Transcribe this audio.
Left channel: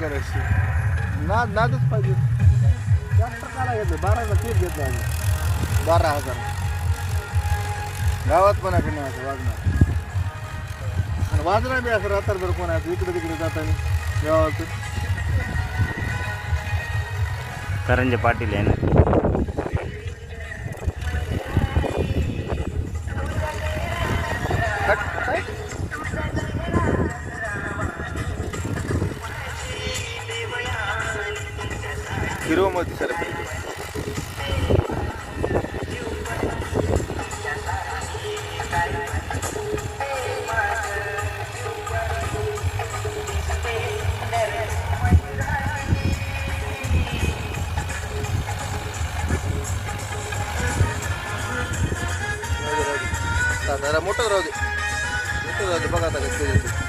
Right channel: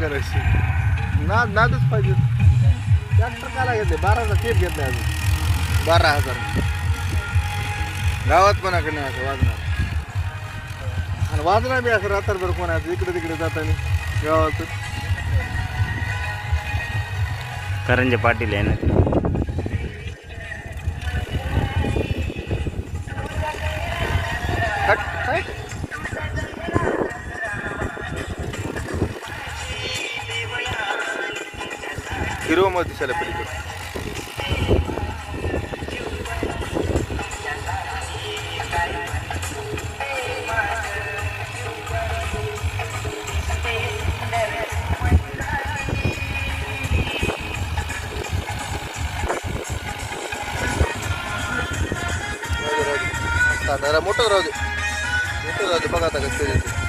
करायची नादच पाहिजे. ट्रॅक्टर काला घेतले 12चा टेप घेतला अजून 12,000 गावात कोणाकडे नाही असं वाजणार. आणि वाजणार बी असं रात्रभर कोणाचं इकडे तिकडे जाताना गावातून. करंजे पाटील आहे ना. हिरो मध्ये सर मोठं राहू दे बघा आता कसं